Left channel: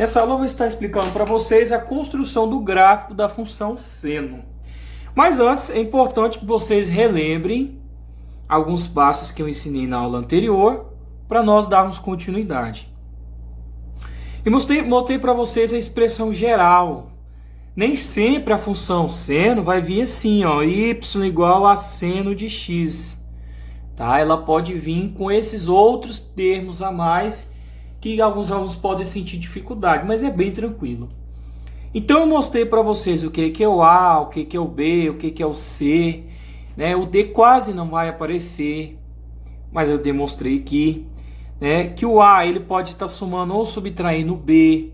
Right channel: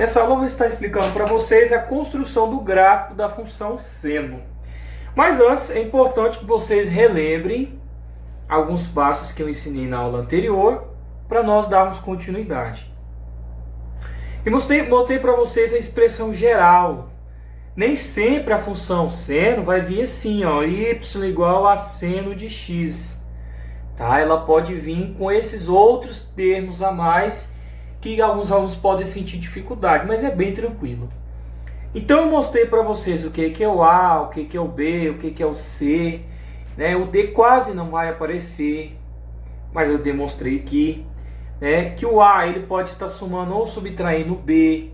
Nessa aula eu vou estar explicando para vocês a construção do gráfico da função seno. Mas antes é importante que vocês relembrem alguns passos que eu ensinei na aula anterior para nós darmos continuidade. Eu mostrei para vocês a expressão geral. Nem sempre a função seno vai vir assim, ó, y igual a seno de x. Tá? Ela pode vir com esses outros termos a mais que alguns alunos podem sentir dificuldade, mas é bem tranquilo. Então eu mostrei para vocês o que é o A, o que é o B, o que é o C. Né? O D quase não vai aparecer, mas eu demonstrei aqui, né, que o A ele pode estar somando ou subtraindo o B.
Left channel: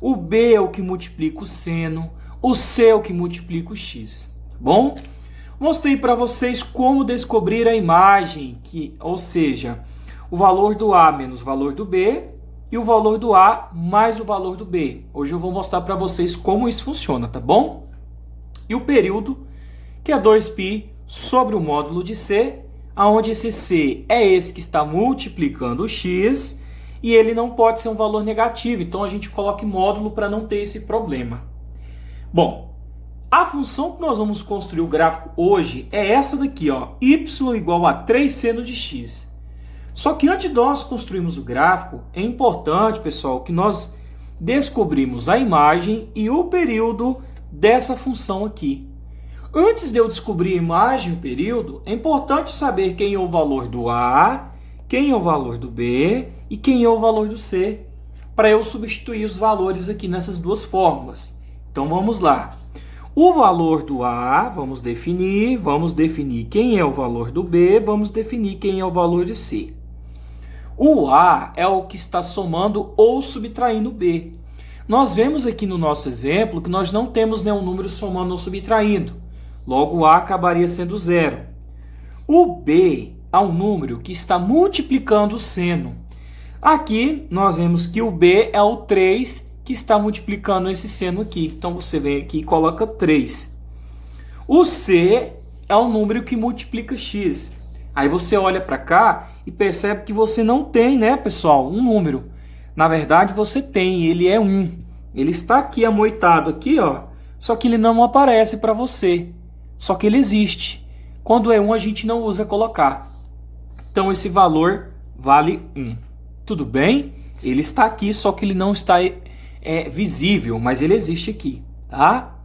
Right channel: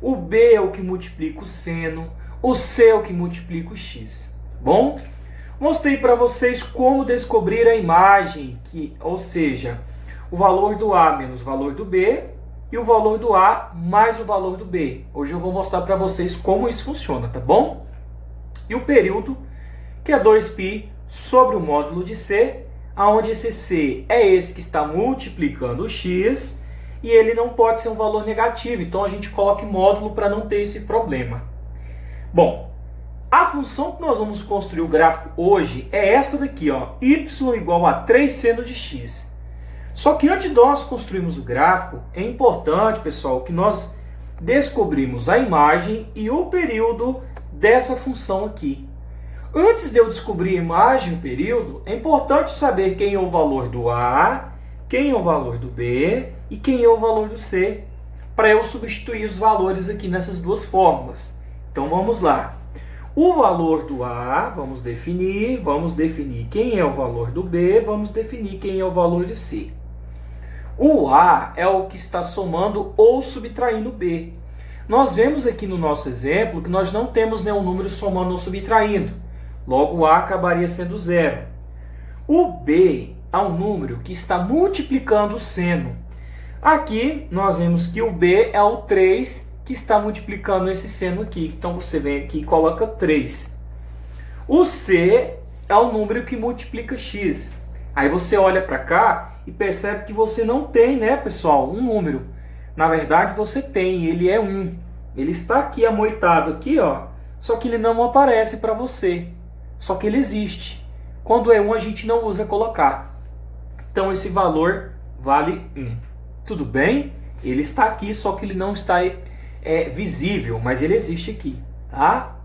O B é o que multiplica o seno. O C é o que multiplica o x. Bom? Mostrei para vocês como descobrir a imagem, ou seja, o valor do A menos o valor do B e o valor do A mais o valor do B. Hoje eu vou mostrar para vocês como isso funciona, tá bom? E o período, que é 2π sobre o módulo de C, onde esse C é esse que está multiplicando o x e ele não pode ser um valor negativo, então a gente coloca em módulo para não ter esse problema. Bom, a função que nós vamos construir o gráfico hoje é essa daqui, ó, y igual a 3 seno de x. Só que antes de nós construirmos o gráfico, é importante, pessoal, que nós descobrimos a imagem e o período dessa função aqui. Antes de eu descobrir a imagem e o período, é importante saber quem é o valor do A, quem é o valor do B e quem é o valor do C, para eu substituir os valores aqui nessas duas fórmulas. Então vamos lá. O valor do A, vamos definir quem é o valor do B, vamos definir quem é o valor de C. O A é o que está somando ou subtraindo o B. Nós vemos aqui no nosso exemplo que nós não temos nenhum número somando ou subtraindo. Logo, o A acabaria sendo zero. O B é um número que está multiplicando o seno. Aqui, nós vemos que o B é o 3 que está multiplicando esse seno aqui. Então, você vem aqui e coloca 3. O C é um número que multiplica x. Aí você olha para cá e percebe que você não tem, né, pessoal, um número. Na verdade, você tem, ele é 1. Ele está aqui amoitado aqui, ó, só que ele não aparece para você. Só que ele existe. Quando é 1, a gente não usa colocar. Então, esse valor vale 1. Tudo bem? Ele está aqui, só que ele não está visível, mas ele existe aqui, tá?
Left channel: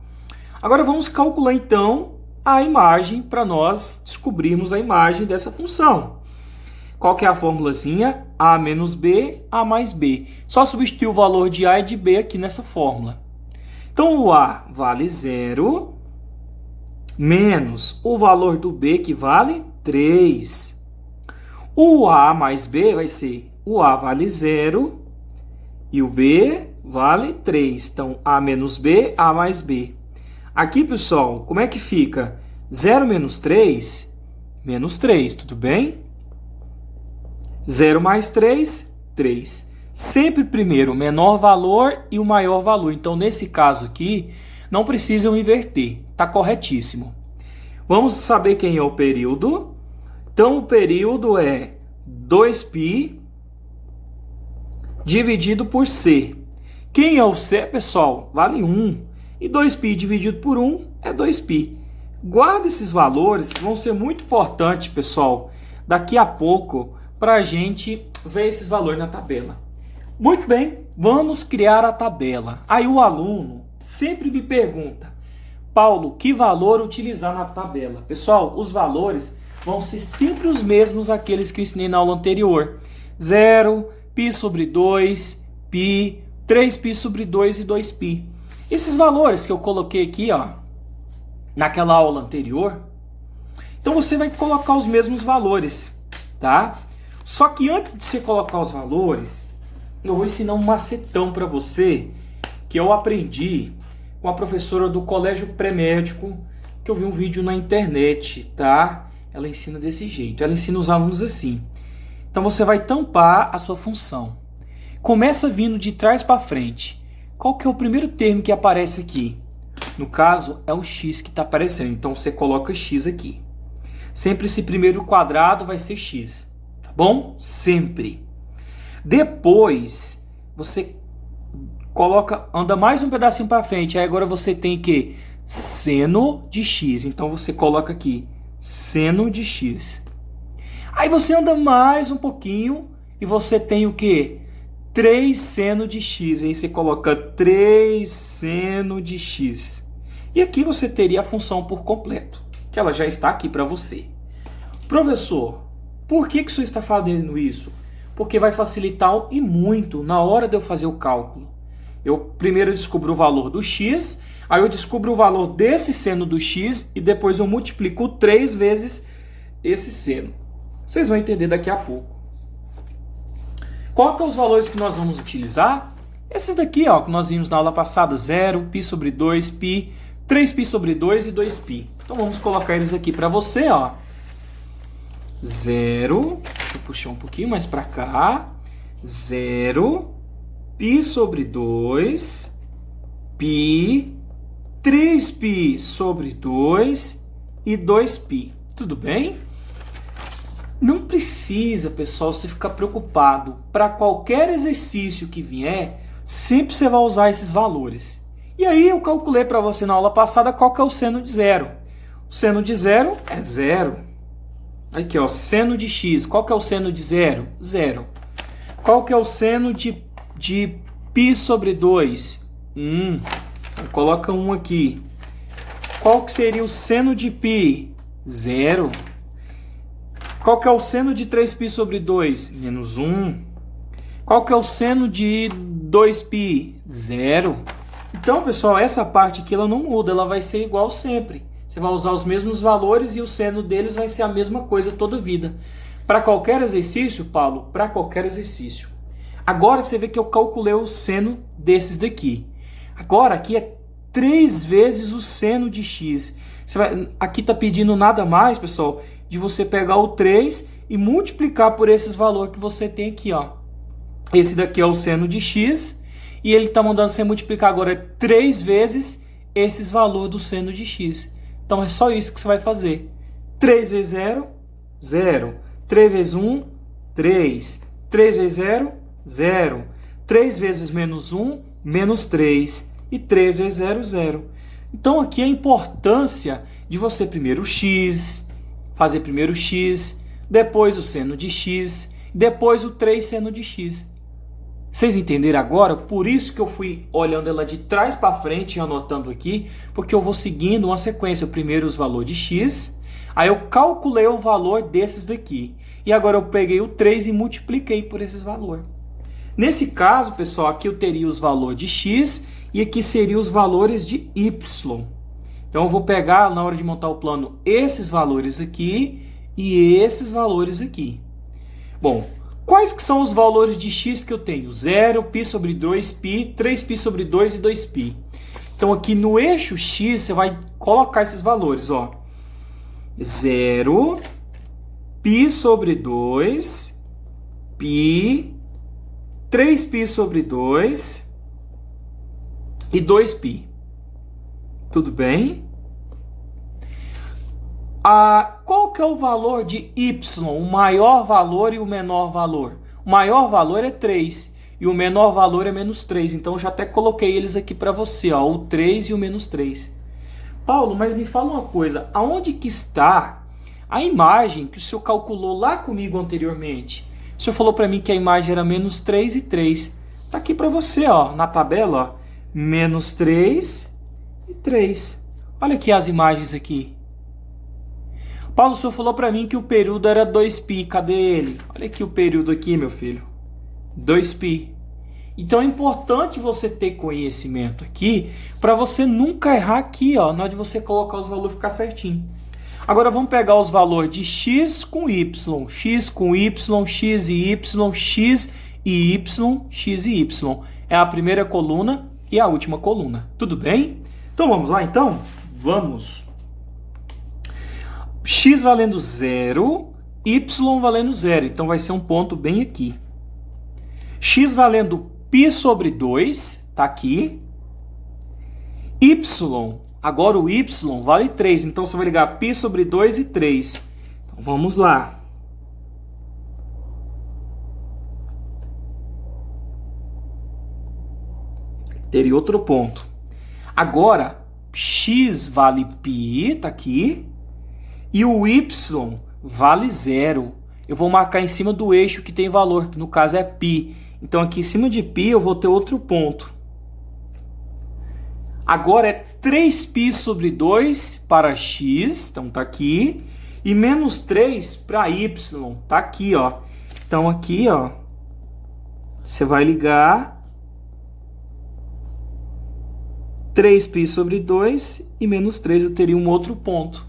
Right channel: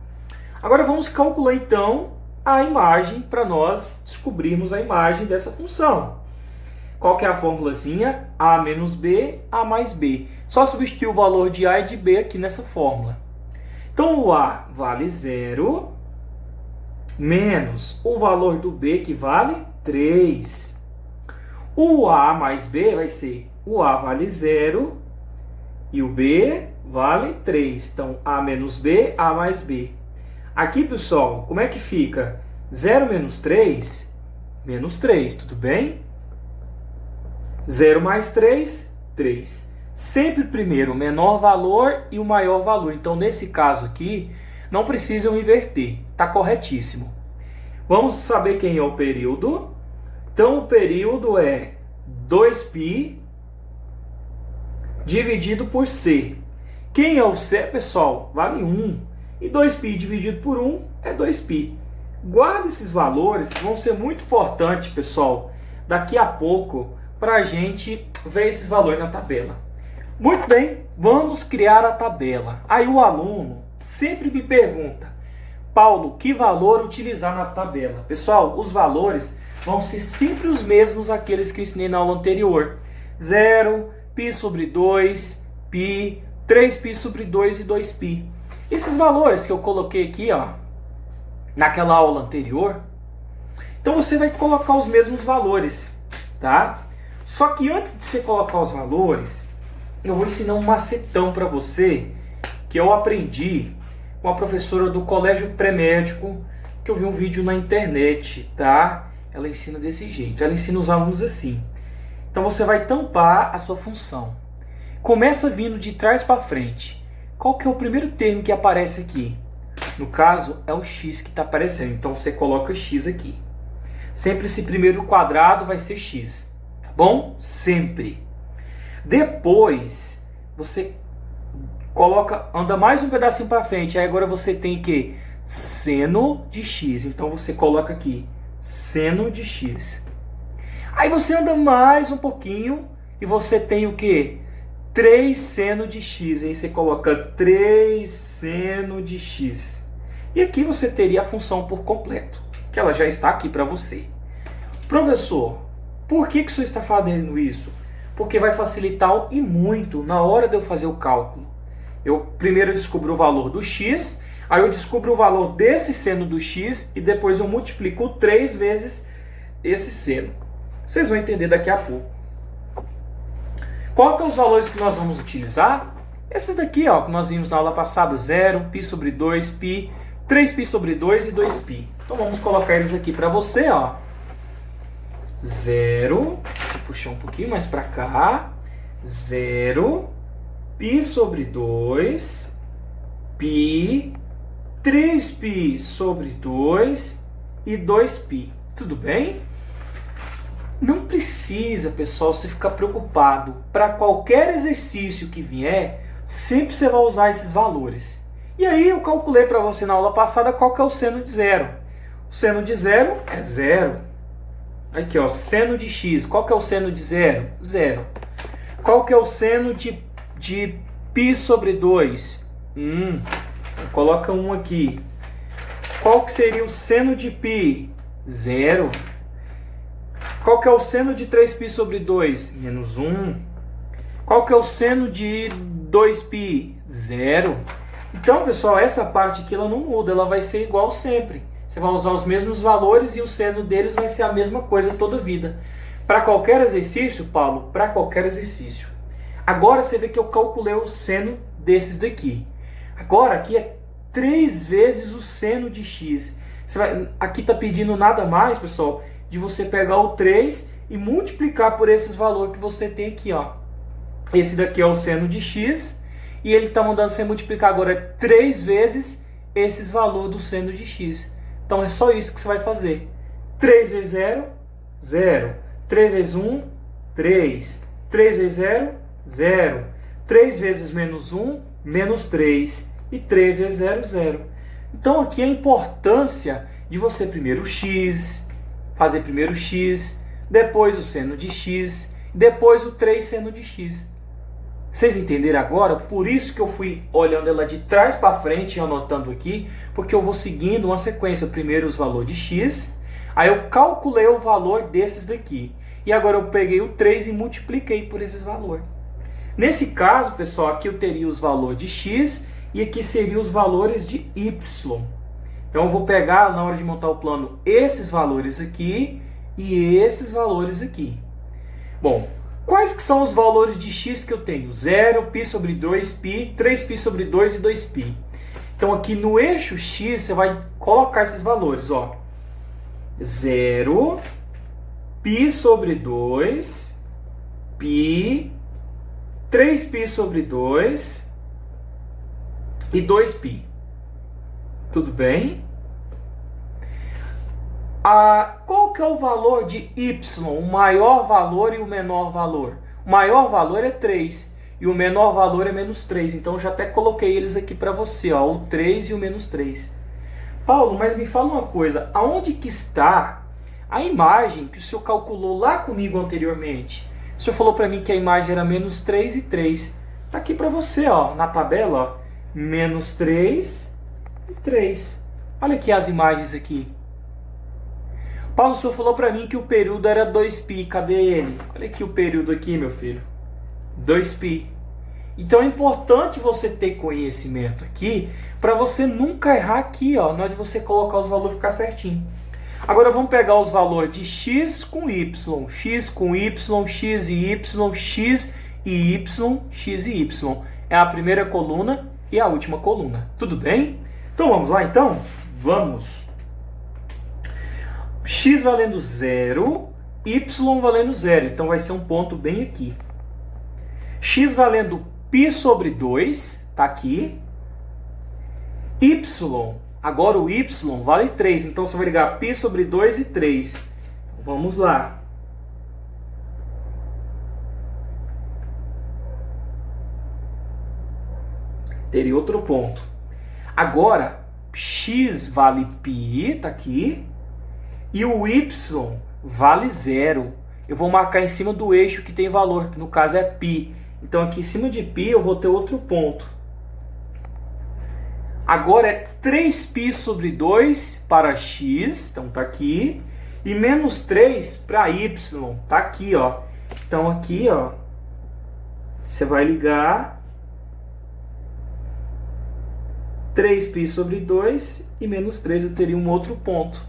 Agora, vamos calcular, então, a imagem para nós descobrirmos a imagem dessa função. Qual que é a formulazinha? A menos B, A mais B. Só substituir o valor de A e de B aqui nessa fórmula. Então, o A vale 0, menos o valor do B, que vale 3. O A mais B vai ser o A vale 0 e o B vale 3. Então, A menos B, A mais B. Aqui, pessoal, como é que fica? 0 menos 3, menos 3, tudo bem? 0 mais 3, 3. Sempre primeiro o menor valor e o maior valor. Então, nesse caso aqui, não precisam inverter. Está corretíssimo. Vamos saber quem é o período. Então, o período é 2π dividido por C. Quem é o C, pessoal? Vale 1. E 2π dividido por 1 é 2π. Guarde esses valores, que vão ser muito importantes, pessoal, daqui a pouco, para a gente ver esses valores na tabela. Muito bem, vamos criar a tabela. Aí o aluno sempre me pergunta, Paulo, que valor utilizar na tabela? Pessoal, os valores vão ser sempre os mesmos aqueles que eu ensinei na aula anterior. 0, π sobre 2, π, 3π sobre 2 e 2π. Esses valores que eu coloquei aqui, ó, naquela aula anterior, então você vai colocar os mesmos valores, tá? Só que antes de você colocar os valores, eu vou ensinar um macetão para você que eu aprendi com a professora do colégio pré-médico, que eu vi um vídeo na internet, tá? Ela ensina desse jeito, ela ensina os alunos assim. Então você vai tampar a sua função. Começa vindo de trás para frente. Qual que é o primeiro termo que aparece aqui? No caso, é o x que está aparecendo. Então você coloca x aqui. Sempre esse primeiro quadrado vai ser x. Tá bom? Sempre. Depois, você coloca, anda mais um pedacinho para frente. Aí agora você tem que seno de x. Então você coloca aqui seno de x. Aí você anda mais um pouquinho e você tem o que? 3 seno de x. Aí você coloca 3 seno de x. E aqui você teria a função por completo, que ela já está aqui para você. Professor, por que você está fazendo isso? Porque vai facilitar e muito na hora de eu fazer o cálculo. Eu primeiro descubro o valor do x, aí eu descubro o valor desse seno do x e depois eu multiplico 3 vezes esse seno. Vocês vão entender daqui a pouco. Qual que é os valores que nós vamos utilizar? Esses daqui, ó, que nós vimos na aula passada, 0, π sobre 2, π, 3π sobre 2 e 2π. Então vamos colocar eles aqui para você, ó. 0, deixa eu puxar um pouquinho mais para cá, 0, π sobre 2, π, 3π sobre 2 e 2π. Tudo bem? Não precisa, pessoal, você ficar preocupado. Para qualquer exercício que vier, sempre você vai usar esses valores. E aí eu calculei para você na aula passada qual que é o seno de 0. O seno de 0 é 0. Aqui, ó, seno de x. Qual que é o seno de 0? 0. Qual que é o seno de π sobre 2? 1. Então, coloca 1 aqui. Qual que seria o seno de π? 0. Qual que é o seno de 3π sobre 2? Menos 1. Qual que é o seno de 2π? 0. Então, pessoal, essa parte aqui ela não muda, ela vai ser igual sempre. Você vai usar os mesmos valores e o seno deles vai ser a mesma coisa toda a vida. Para qualquer exercício, Paulo, para qualquer exercício. Agora você vê que eu calculei o seno desses daqui. Agora aqui é 3 vezes o seno de x. Aqui está pedindo nada mais, pessoal, de você pegar o 3 e multiplicar por esses valores que você tem aqui, ó. Esse daqui é o seno de x e ele está mandando você multiplicar agora 3 vezes esses valores do seno de x. Então é só isso que você vai fazer. 3 vezes 0, 0. 3 vezes 1, 3. 3 vezes 0, 0. 3 vezes menos 1, menos 3. E 3 vezes 0, 0. Então aqui a importância de você primeiro o x, fazer primeiro o x, depois o seno de x, depois o 3 seno de x. Vocês entenderam agora? Por isso que eu fui olhando ela de trás para frente e anotando aqui, porque eu vou seguindo uma sequência. Primeiro os valores de x, aí eu calculei o valor desses daqui. E agora eu peguei o 3 e multipliquei por esses valores. Nesse caso, pessoal, aqui eu teria os valores de x e aqui seriam os valores de y. Então eu vou pegar, na hora de montar o plano, esses valores aqui e esses valores aqui. Bom, quais que são os valores de x que eu tenho? 0, π sobre 2, π, 3π sobre 2 e 2π. Então aqui no eixo x você vai colocar esses valores, ó. 0, π sobre 2, π, 3π sobre 2 e 2π. Tudo bem? Qual que é o valor de y? O maior valor e o menor valor? O maior valor é 3 e o menor valor é menos 3. Então, eu já até coloquei eles aqui para você, ó, o 3 e o menos 3. Paulo, mas me fala uma coisa. Aonde que está a imagem que o senhor calculou lá comigo anteriormente? O senhor falou para mim que a imagem era menos 3 e 3. Está aqui para você, ó, na tabela, ó, menos 3 e 3. Olha aqui as imagens aqui. Paulo, o senhor falou para mim que o período era 2π. Cadê ele? Olha aqui o período aqui, meu filho. 2π. Então é importante você ter conhecimento aqui para você nunca errar aqui, ó, na hora de você colocar os valores ficar certinho. Agora vamos pegar os valores de x com y, x com y, x e y, x e y, x e y. É a primeira coluna e a última coluna. Tudo bem? Então vamos lá então? Vamos. X valendo 0, y valendo 0. Então vai ser um ponto bem aqui. X valendo π sobre 2, está aqui. Y, agora o y vale 3. Então você vai ligar π sobre 2 e 3. Então, vamos lá. teria outro ponto. Agora, x vale π, tá aqui, e o y vale 0. Eu vou marcar em cima do eixo que tem valor, que no caso é π. Então, aqui em cima de π eu vou ter outro ponto. Agora é 3π sobre 2 para x, então tá aqui, e menos 3 para y, tá aqui, ó. Então, aqui, ó, você vai ligar 3π sobre 2 e menos 3, eu teria um outro ponto.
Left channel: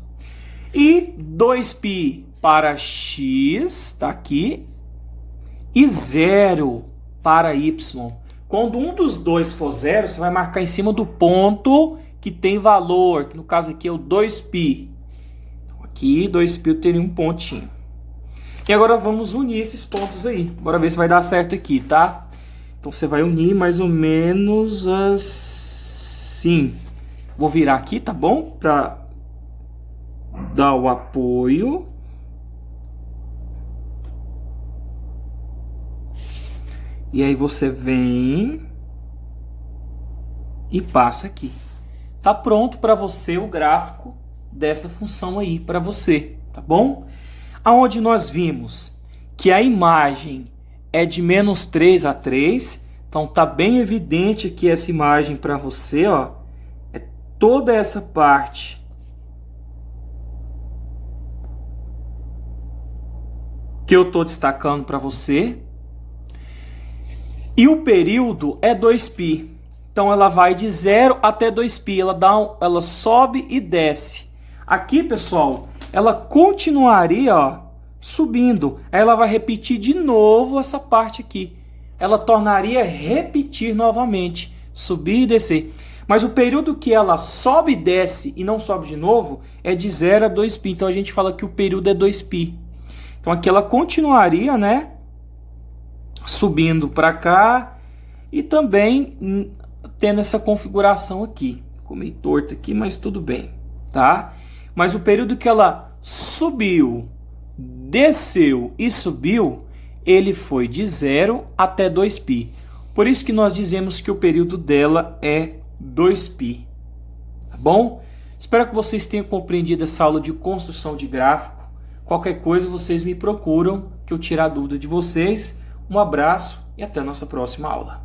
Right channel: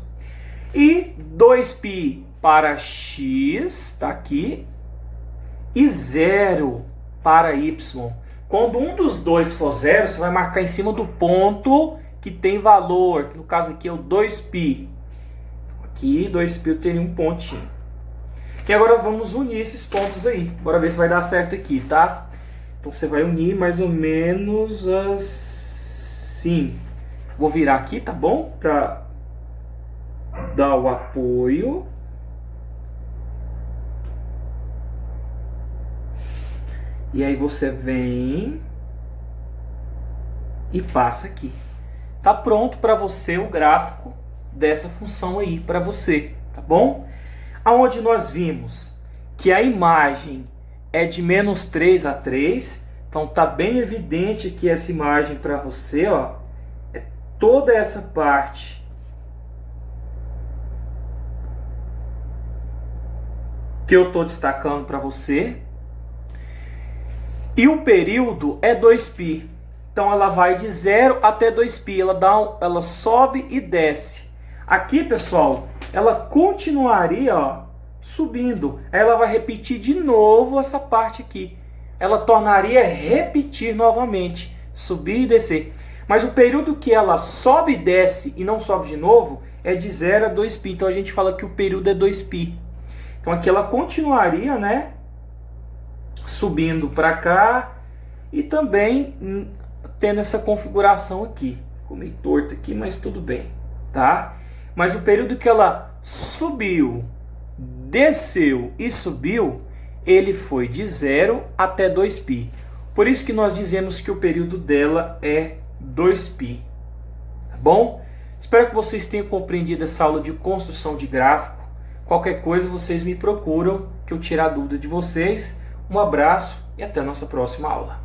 E 2π para x, tá aqui, e 0 para y. Quando um dos dois for 0, você vai marcar em cima do ponto que tem valor, que no caso aqui é o 2π. Aqui, 2π eu teria um pontinho. E agora vamos unir esses pontos aí. Bora ver se vai dar certo aqui, tá? Então você vai unir mais ou menos assim. Vou virar aqui, tá bom? Para dar o apoio. E aí você vem e passa aqui. Tá pronto para você o gráfico dessa função aí para você, tá bom? Aonde nós vimos que a imagem é de menos 3 a 3, então tá bem evidente aqui essa imagem para você, ó. É toda essa parte que eu tô destacando para você. E o período é 2π. Então ela vai de 0 até 2π. Ela sobe e desce. Aqui, pessoal, ela continuaria, ó, subindo. Aí ela vai repetir de novo essa parte aqui. Ela tornaria repetir novamente. Subir e descer. Mas o período que ela sobe e desce e não sobe de novo é de 0 a 2π. Então a gente fala que o período é 2π. Então aqui ela continuaria, né, subindo para cá e também tendo essa configuração aqui. Ficou meio torto aqui, mas tudo bem, tá? Mas o período que ela subiu, desceu e subiu, ele foi de 0 até 2π. Por isso que nós dizemos que o período dela é 2π. Tá bom? Espero que vocês tenham compreendido essa aula de construção de gráfico. Qualquer coisa vocês me procuram, que eu tirar a dúvida de vocês. Um abraço e até a nossa próxima aula.